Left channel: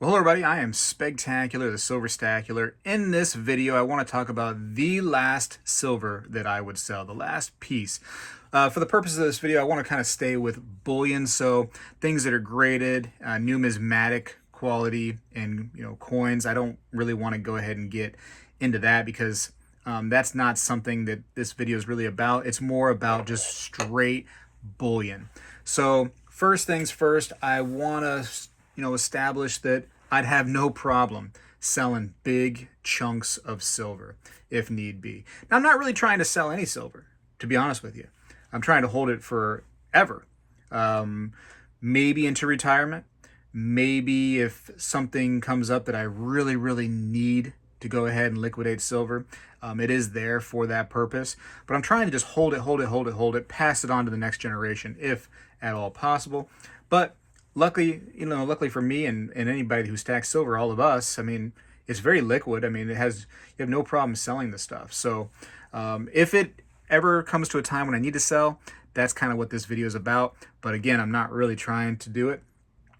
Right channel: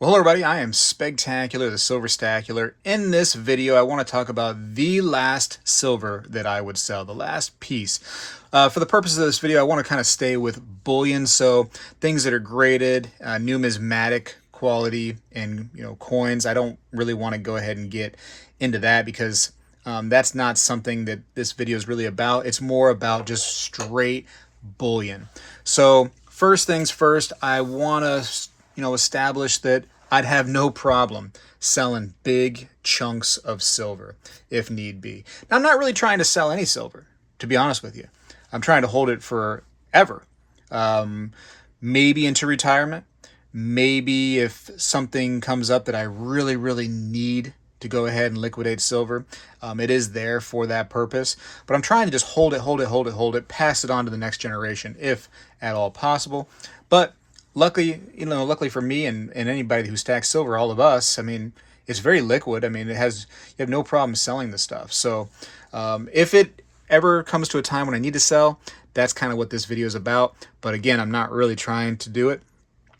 Well, hello everybody, I am Spegtacular, the Silverstacular. In this video, I want to talk about the last silver that I would sell, the last piece. For the purposes of this video, I want to kind of stay with bullion, so things that are graded, numismatic quality, and coins. I don't really want to go ahead and get into that because that's not something that this video is really about. It's more about just straight bullion. So first things first, I want to establish that I'd have no problem selling big chunks of silver if need be. Now, I'm not really trying to sell any silver, to be honest with you. I'm trying to hold it forever. Maybe into retirement. Maybe if something comes up that I really, really need to go ahead and liquidate silver, it is there for that purpose. But I'm trying to just hold it, pass it on to the next generation if at all possible. But luckily for me and anybody who stacks silver, all of us, I mean, it's very liquid. I mean, you have no problem selling the stuff. So if it ever comes to a time when I need to sell, that's kind of what this video is about. But again, I'm not really trying to do it.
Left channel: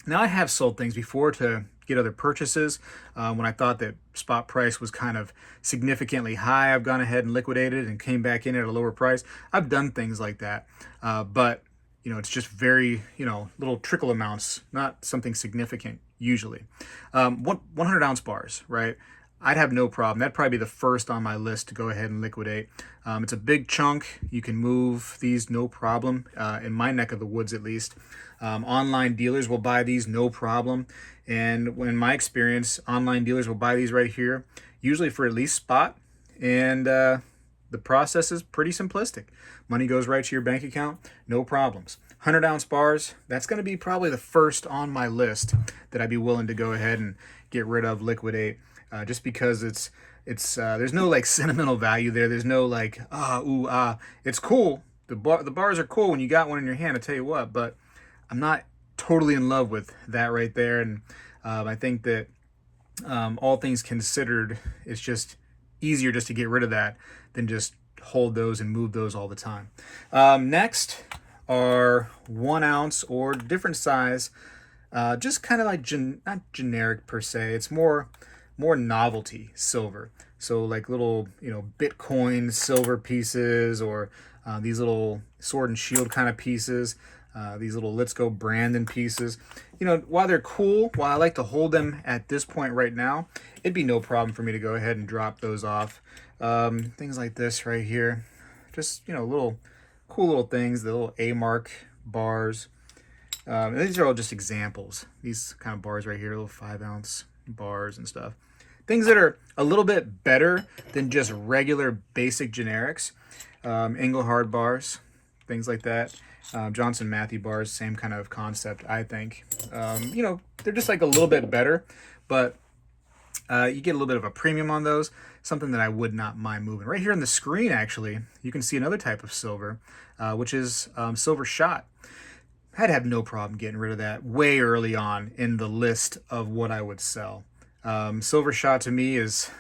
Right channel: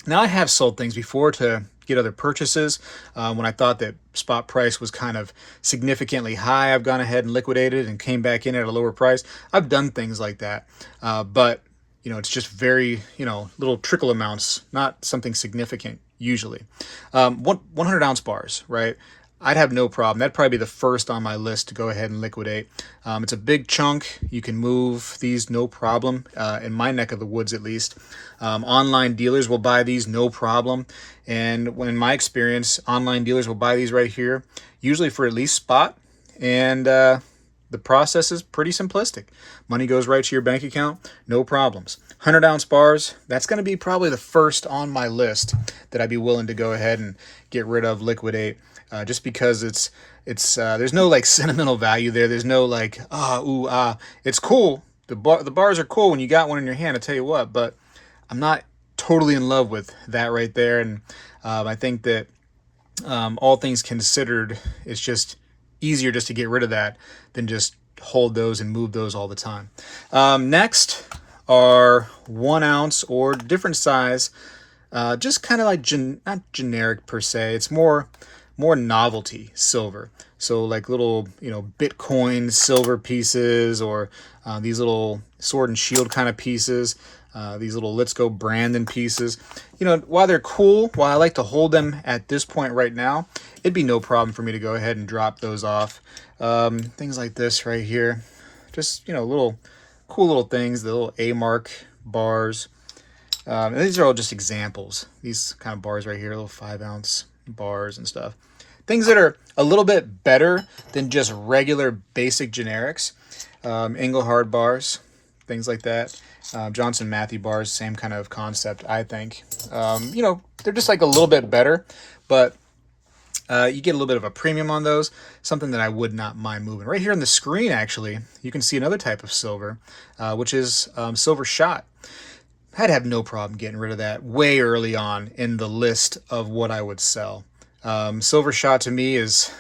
Now, I have sold things before to get other purchases. When I thought that spot price was kind of significantly high, I've gone ahead and liquidated and came back in at a lower price. I've done things like that. But it's just very, little trickle amounts, not something significant usually. 100 ounce bars, right? I'd have no problem. That'd probably be the first on my list to go ahead and liquidate. It's a big chunk. You can move these no problem, in my neck of the woods at least. Online dealers will buy these no problem. And in my experience, online dealers will buy these right here, usually for at least spot. And the process is pretty simplistic. Money goes right to your bank account, no problems. 100 ounce bars, that's going to be probably the first on my list that I'd be willing to go ahead and get rid of, liquidate, just because it's there's no like sentimental value there. There's no like, it's cool. The bars are cool when you got one in your hand, I tell you what, but I'm not totally in love with that right there. And I think that all things considered, it's just easier just to get rid of that than just hold those and move those all the time. Next are 1 ounce or different size, just kind of like not generic per se. It's more novelty silver. So like little Bitcoin silver pieces, or these little sword and shield kind of pieces. These little Let's Go Brandon pieces. While they're cool, while I like to hold them at this point right now, it'd be no problem for me to go ahead and drop those off. Things like this right here. Just, little cool little things, the little A-mark bars. And these are all just examples. These kind of bars right here, little 5 ounce bars and stuff. Things that are a little bit better than just regular basic generics. Engelhard bars, things like that. Johnson Matthey bars, same kind of concept, I think. They're just like a little bit better, but you get a little bit of a premium on those, something that I would not mind moving. Right here on the screen, actually, you can see another type of silver, which is silver shot. I'd have no problem getting rid of that way early on in the list of what I would sell. Silver shot to me is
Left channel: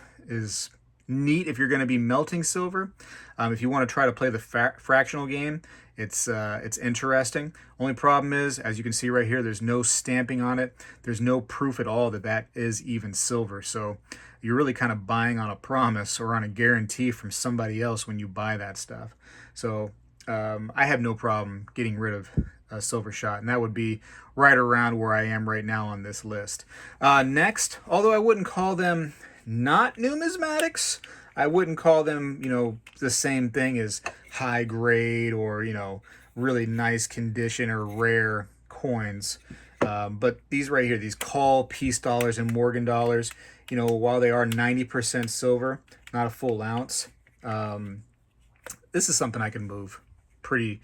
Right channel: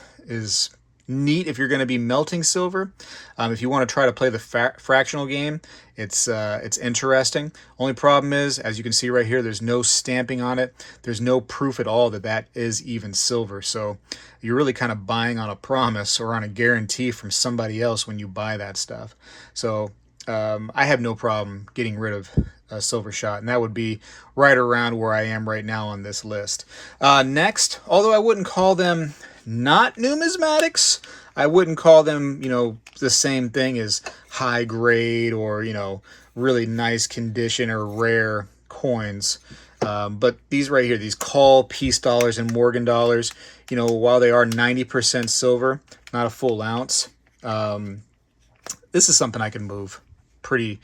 neat if you're going to be melting silver. If you want to try to play the fractional game, it's interesting. Only problem is, as you can see right here, there's no stamping on it. There's no proof at all that is even silver. So you're really kind of buying on a promise or on a guarantee from somebody else when you buy that stuff. So I have no problem getting rid of a silver shot, and that would be right around where I am right now on this list. Next, although I wouldn't call them not numismatics, I wouldn't call them, the same thing as high grade or, really nice condition or rare coins. But these right here, these call peace dollars and Morgan dollars, while they are 90% silver, not a full ounce, this is something I can move pretty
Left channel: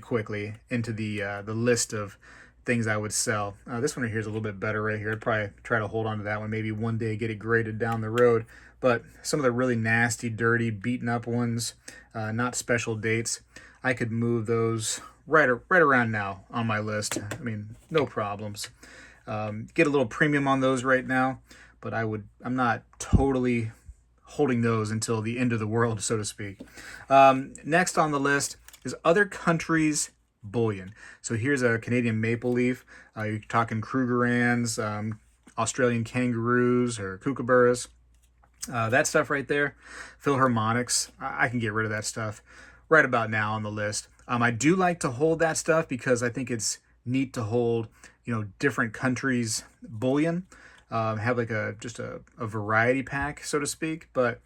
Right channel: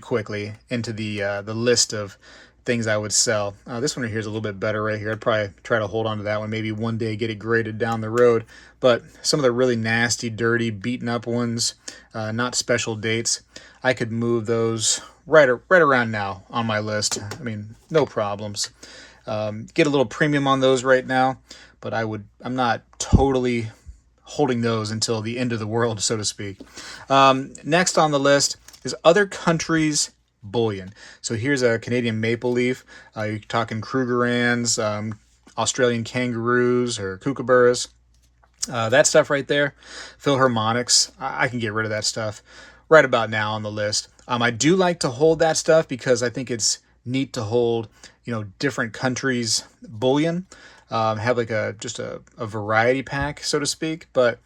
quickly into the list of things I would sell. This one right here is a little bit better right here. I'd probably try to hold on to that one, maybe one day get it graded down the road. But some of the really nasty, dirty, beaten up ones, not special dates, I could move those right around now on my list. I mean, no problems. Get a little premium on those right now, but I'm not totally holding those until the end of the world, so to speak. Next on the list is other countries' bullion. So here's a Canadian maple leaf. You're talking Krugerrands, Australian kangaroos or kookaburras. That stuff right there, Philharmonics, I can get rid of that stuff right about now on the list. I do like to hold that stuff because I think it's neat to hold, different countries' bullion. Have like just a variety pack, so to speak. But,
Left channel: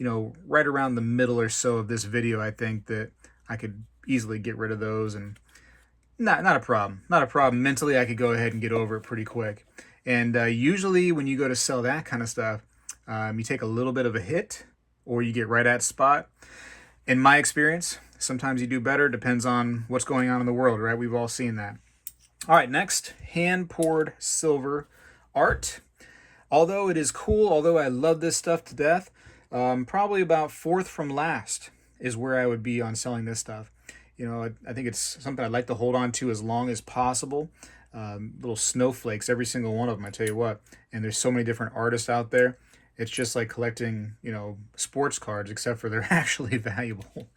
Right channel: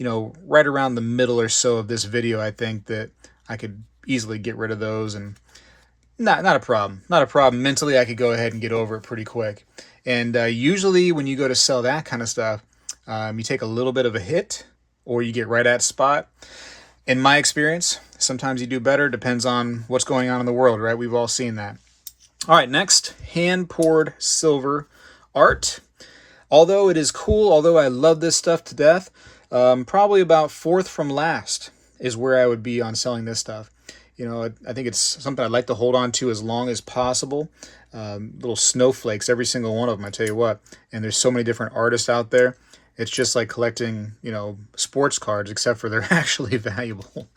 right around the middle or so of this video, I think that I could easily get rid of those, and not a problem. Not a problem. Mentally, I could go ahead and get over it pretty quick. And usually when you go to sell that kind of stuff, you take a little bit of a hit or you get right at spot. In my experience, sometimes you do better. Depends on what's going on in the world, right? We've all seen that. All right, next, hand-poured silver art. Although it is cool, although I love this stuff to death, probably about fourth from last is where I would be on selling this stuff. I think it's something I'd like to hold on to as long as possible. Little snowflakes, every single one of them, I tell you what. And there's so many different artists out there. It's just like collecting, sports cards, except for they're actually valuable.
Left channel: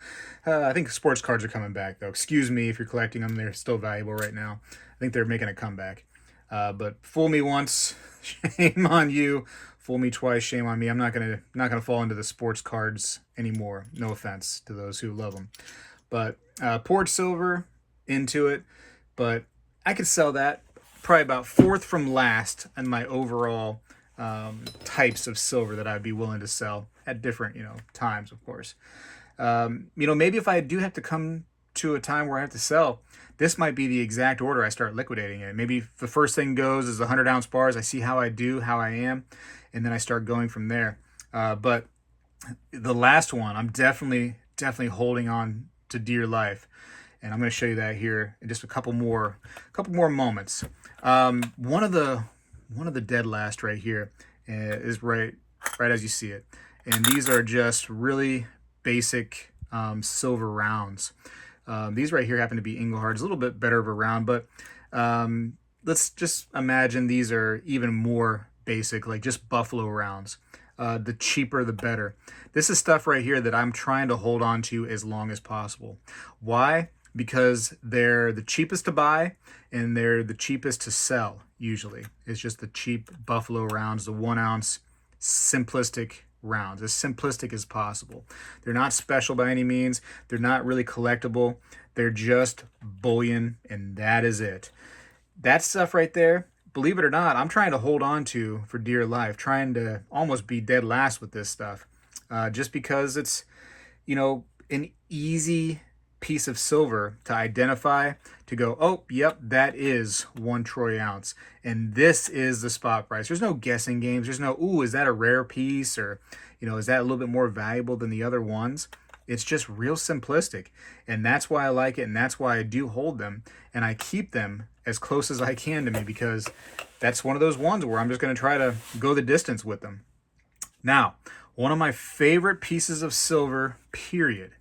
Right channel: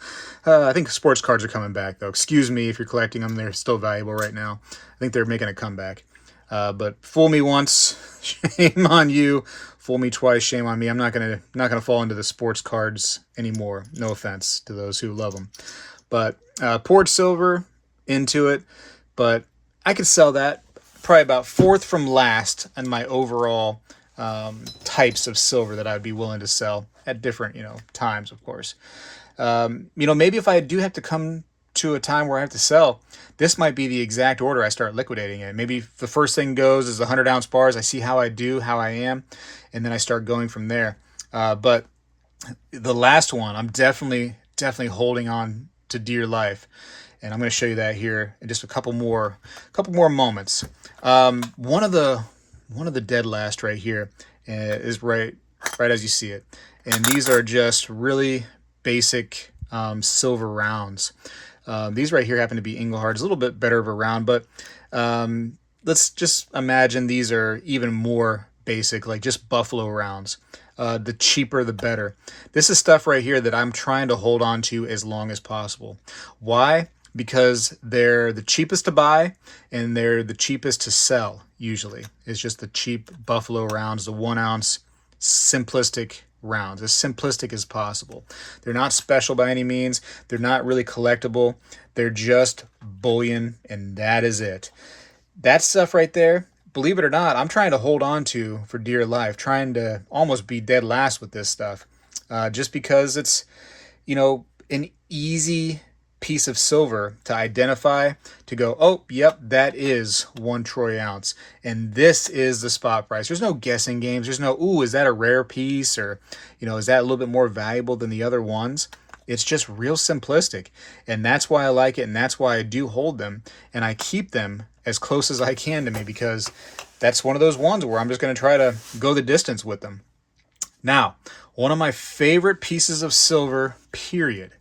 I think sports cards are coming back, though. Excuse me if you're collecting them. They're still valuable right now. I think they're making a comeback. But fool me once, shame on you. Fool me twice, shame on me. I'm not gonna fall into the sports cards anymore. No offense to those who love them. But poured silver into it. But I could sell that probably about fourth from last in my overall types of silver that I'd be willing to sell at different, times, of course. Maybe if I do have to come to a time where I have to sell, this might be the exact order I start liquidating it. Maybe the first thing goes is the 100-ounce bars. I see how I do, how I am, and then I start going from there. But the last one, I'm definitely holding on to dear life. And I'm going to show you that here in just a couple more moments. One of the dead last right here is right as you see it. And these are just really basic silver rounds. These right here happen to be Inglehards, a little bit better of a round, but let's just imagine these are even more basic, like just buffalo rounds. The cheaper, the better. This is stuff right here that I'm trying to hold on to as long as possible. Why? Because they're the cheapest to buy and they're the cheapest to sell, usually. It's just the cheap buffalo rounds, the 1 ounce simplistic rounds, as simplistic as possible. They're not special by any means. They're not really collectible. They're just bullion, and that is it. That stuff right there, believe it or not, I'm trying to hold on to for dear life, trying to almost be dead last with this stuff. Just because it's, an easy piece of silver to identify, to go, oh, yep, that is 1 troy ounce. And this is the spot price. There's no guessing games. There's no, ooh, is that a rare piece? Or, is that a little bit more valuable than the other ones? It's just real simplistic. And that's why I like it. And that's why I do hold them. And I keep them as close as I can to me, because that's one of those ones where I'm just going to try to go the distance with them. Now, one of my favorite pieces of silver, period,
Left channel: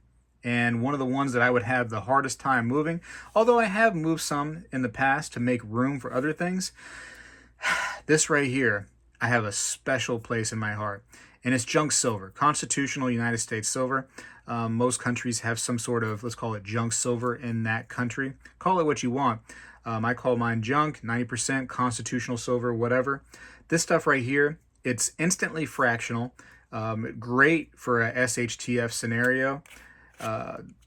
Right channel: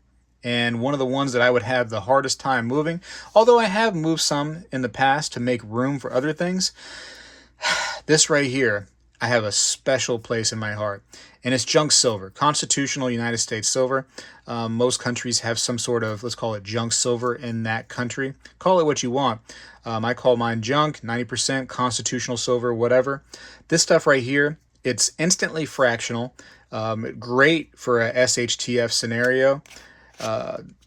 and one of the ones that I would have the hardest time moving, although I have moved some in the past to make room for other things, this right here, I have a special place in my heart. And it's junk silver, constitutional United States silver. Most countries have some sort of, let's call it junk silver in that country. Call it what you want. I call mine junk, 90% constitutional silver, whatever. This stuff right here, it's instantly fractional. Great for a SHTF scenario.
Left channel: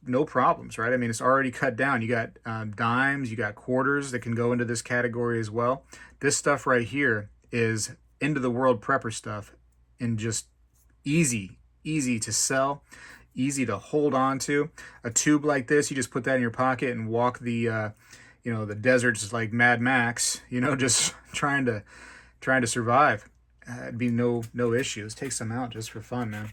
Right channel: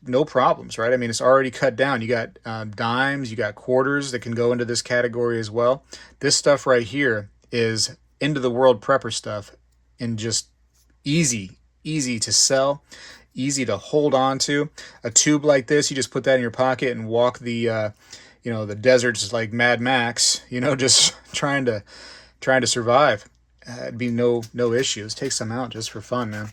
No problems, right? I mean, it's already cut down. You got dimes, you got quarters that can go into this category as well. This stuff right here is end of the world prepper stuff, and just easy to sell, easy to hold on to. A tube like this, you just put that in your pocket and walk the the deserts like Mad Max, just trying to survive. It'd be no issues. Take some out just for fun, man.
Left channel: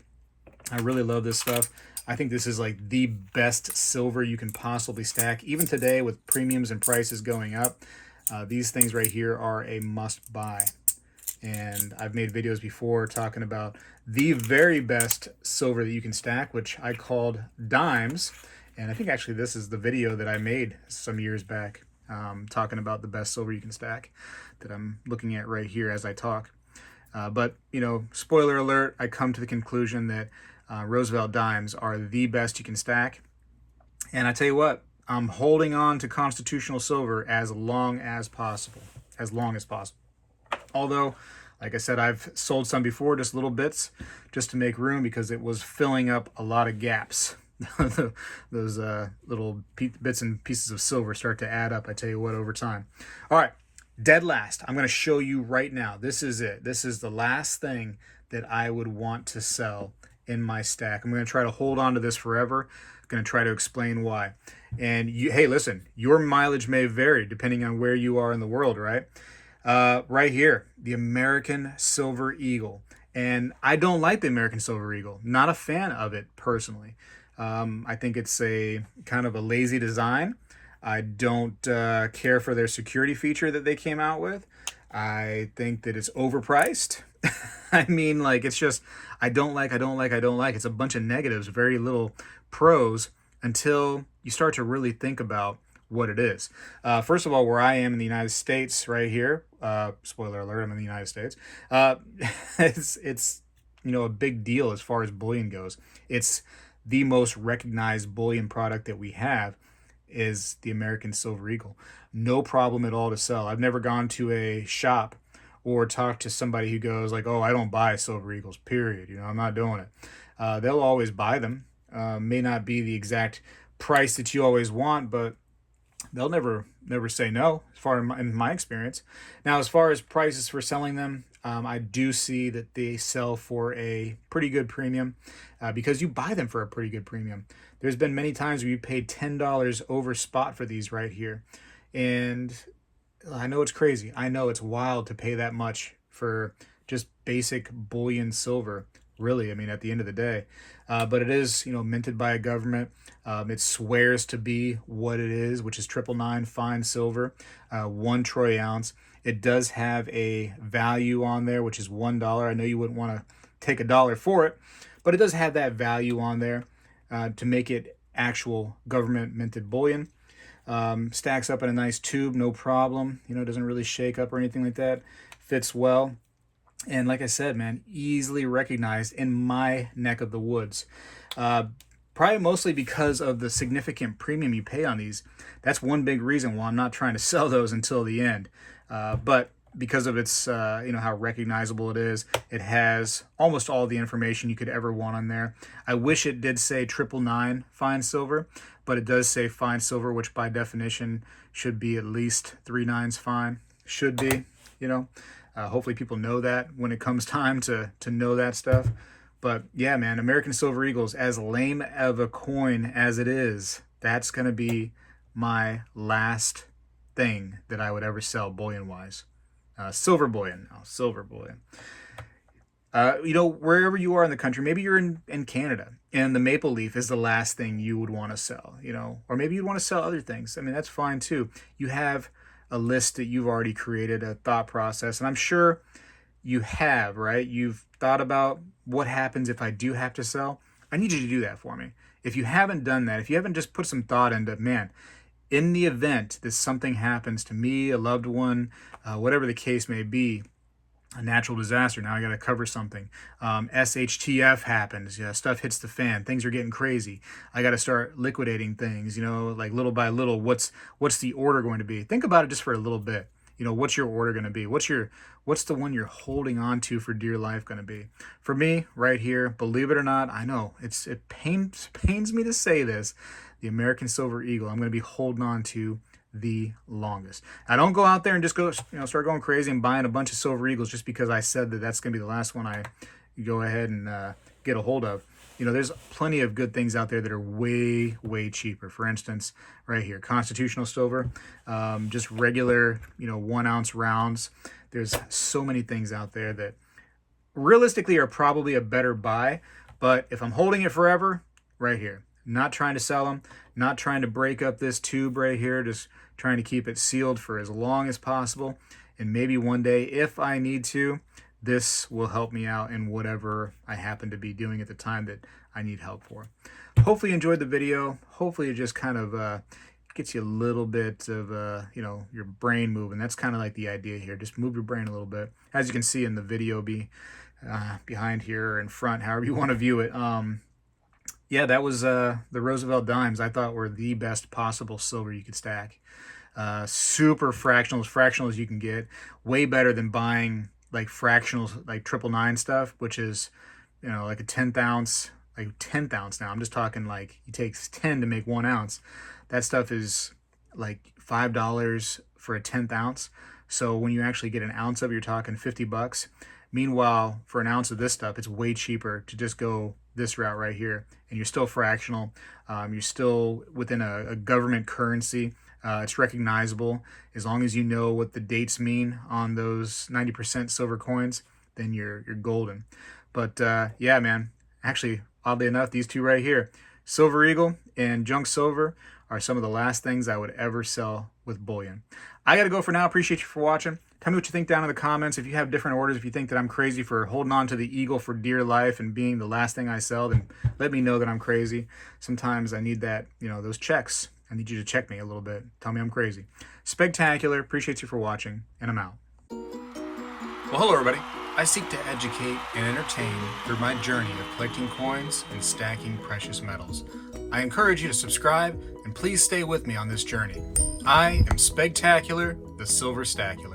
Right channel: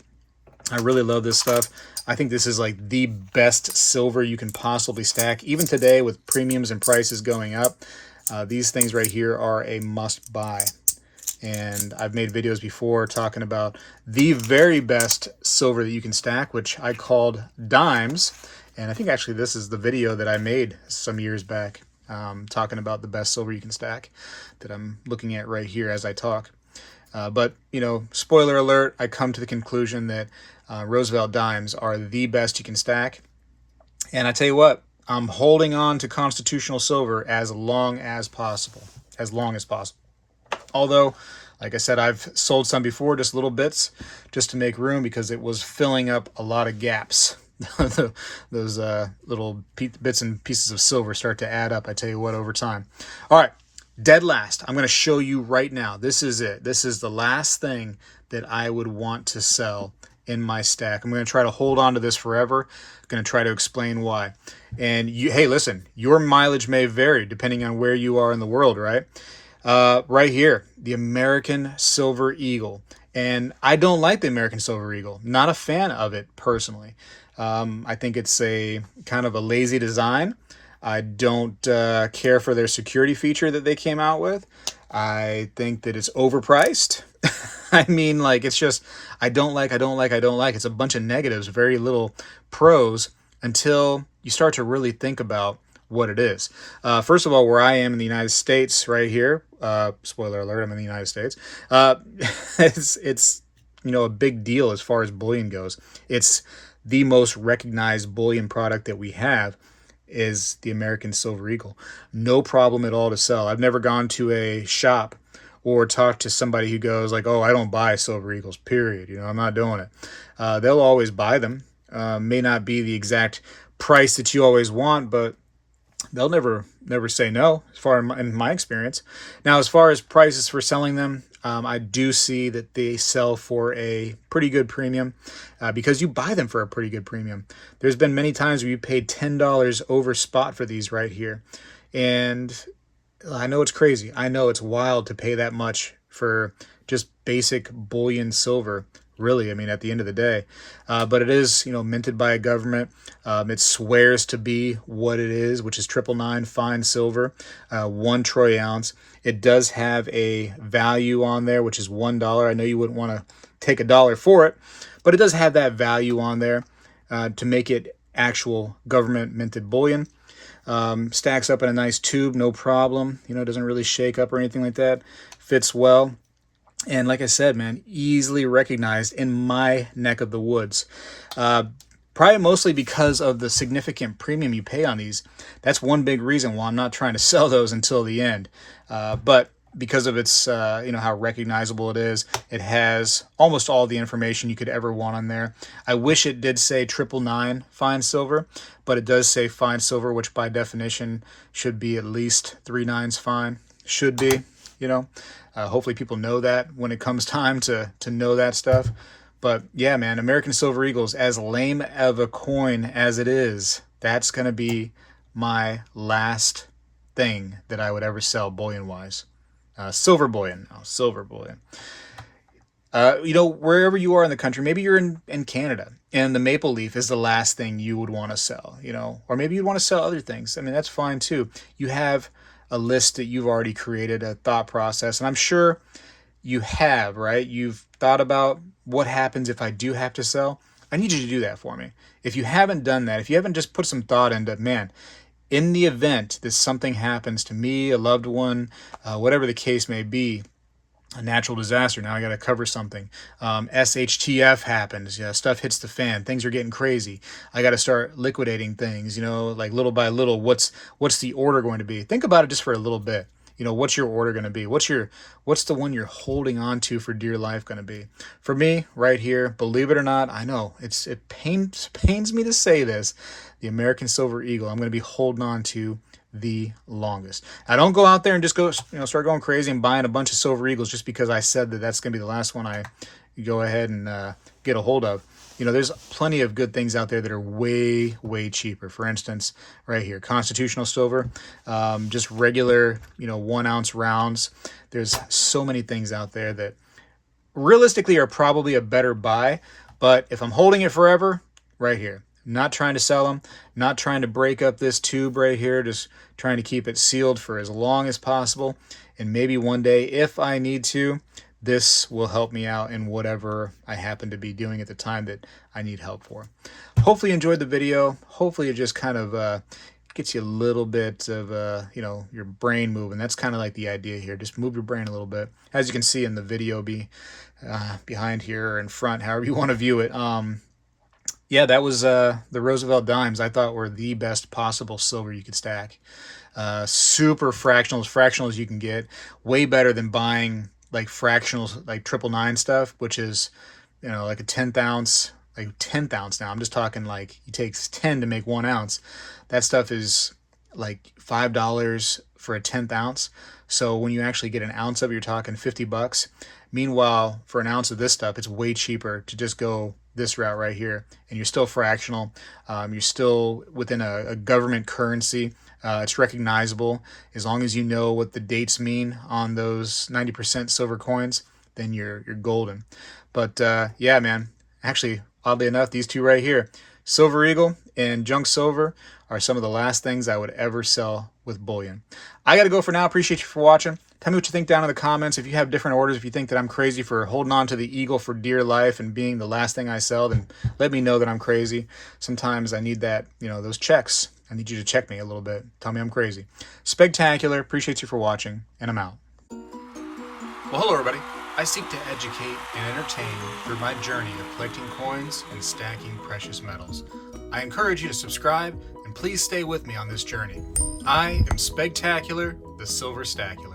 I really love this stuff. I think this is like the best silver you can possibly stack. Even today with premiums and prices going up, these things right here are a must buy. And I've made videos before talking about the very best silver that you can stack, which I called dimes. And I think actually this is the video that I made some years back, talking about the best silver you can stack that I'm looking at right here as I talk. But, spoiler alert, I come to the conclusion that Roosevelt dimes are the best you can stack. And I tell you what, I'm holding on to constitutional silver as long as possible. As long as possible. Although, like I said, I've sold some before, just little bits, just to make room because it was filling up a lot of gaps. Those little bits and pieces of silver start to add up, I tell you what, over time. All right, dead last. I'm going to show you right now. This is it. This is the last thing that I would want to sell in my stack. I'm going to try to hold on to this forever. I'm going to try to explain why. And hey, listen, your mileage may vary depending on where you are in the world, right? Right here, the American Silver Eagle. And I don't like the American Silver Eagle. Not a fan of it personally. I think it's a kind of a lazy design. I don't care for their security feature that they came out with. I think that it's overpriced. I mean, like, it's just, I don't like. It's a bunch of negatives, very little pros until you start to really think about what it is. First of all, where I am in the United States, right here, spoiler alert, I'm in the United States. It's a big deal as far as bullion goes. It's the most recognized bullion product that we have is the American Silver Eagle. No problem at all to sell. I've never gone to a shop or talked to somebody who goes like, oh, I don't buy Silver Eagles, period. I'm not doing it. They'll always buy them. May not be the exact price that you always want, but they'll never say no, as far in my experience. Now, as far as prices for selling them, I do see that they sell for a pretty good premium because you buy them for a pretty good premium. There's been many times where you paid $10 over spot for these right here. And I know it's crazy. I know it's wild to pay that much for just basic bullion silver, really. I mean, at the end of the day. But it is, minted by a government. It swears to be what it is, which is 999 fine silver, 1 troy ounce. It does have a value on there, which is $1. I know you wouldn't want to take $1 for it, but it does have that value on there to make it actual government minted bullion. Stacks up in a nice tube, no problem. Doesn't really shake up or anything like that. Fits well. And like I said, man, easily recognized in my neck of the woods. Probably mostly because of the significant premium you pay on these. That's one big reason why I'm not trying to sell those until the end. But because of its, how recognizable it is, it has almost all the information you could ever want on there. I wish it did say 999 fine silver, but it does say fine silver, which by definition should be at least 3 nines fine. Should be, hopefully people know that when it comes time to know that stuff. But yeah, man, American Silver Eagles, as lame of a coin as it is, that's going to be my last thing that I would ever sell bullion-wise. Silver bullion. Oh, silver bullion. Wherever you are in the country, maybe you're in Canada, and the maple leaf is the last thing you would want to sell, or maybe you'd want to sell other things. I mean, that's fine too. You have a list that you've already created, a thought process, and I'm sure you have, right? You've thought about what happens if I do have to sell. I need you to do that for me. If you haven't done that, if you haven't just put some thought into, man, in the event that something happens to me, a loved one, whatever the case may be, a natural disaster, now I got to cover something. SHTF happens, stuff hits the fan, things are getting crazy. I got to start liquidating things, like little by little. What's the order going to be? Think about it just for a little bit. What's your order going to be? What's the one you're holding on to for dear life going to be? For me, right here, believe it or not, I know it pains me to say this, the American Silver Eagle, I'm going to be holding on to the longest. I don't go out there and just go, start going crazy and buying a bunch of Silver Eagles just because I said that that's going to be the last one I go ahead and get a hold of. There's plenty of good things out there that are way, way cheaper. For instance, right here, constitutional silver, just regular, 1 ounce rounds. There's so many things out there that realistically are probably a better buy. But if I'm holding it forever, right here, not trying to sell them, not trying to break up this tube right here, just trying to keep it sealed for as long as possible. And maybe one day, if I need to, this will help me out in whatever I happen to be doing at the time that I need help for. Hopefully you enjoyed the video. Hopefully it just kind of gets you a little bit of, your brain moving. That's kind of like the idea here. Just move your brain a little bit. As you can see in the video behind here or in front, however you want to view it. Yeah, that was the Roosevelt dimes I thought were the best possible silver you could stack. Super fractional, as fractional as you can get. Way better than buying like fractionals, like 999 stuff, which is, like a 10th ounce, like 10th ounce now. I'm just talking like it takes 10 to make 1 ounce. That stuff is like $5 for a 10th ounce. So when you actually get an ounce of it, you're talking $50. Meanwhile, for an ounce of this stuff, it's way cheaper to just go this route right here. And you're still fractional. You're still within a government currency. It's recognizable. As long as you know what the dates mean on those 90% silver coins, then you're golden. But yeah, man. Actually, oddly enough, these two right here, Silver Eagle and Junk Silver, are some of the last things I would ever sell with bullion. I got to go for now. Appreciate you for watching. Tell me what you think down in the comments. If you have different orders, if you think that I'm crazy for holding on to the Eagle for dear life and being the last thing I sell, then let me know that I'm crazy. Sometimes I need that, those checks. I need you to check me a little bit. Tell me I'm crazy. Spegtacular. Appreciate you for watching, and I'm out. Well, hello, everybody. I seek to educate and entertain through my journey of collecting coins and stacking precious metals. I encourage you to subscribe, and please stay with me on this journey. I am Spegtacular, the Silver Stacular.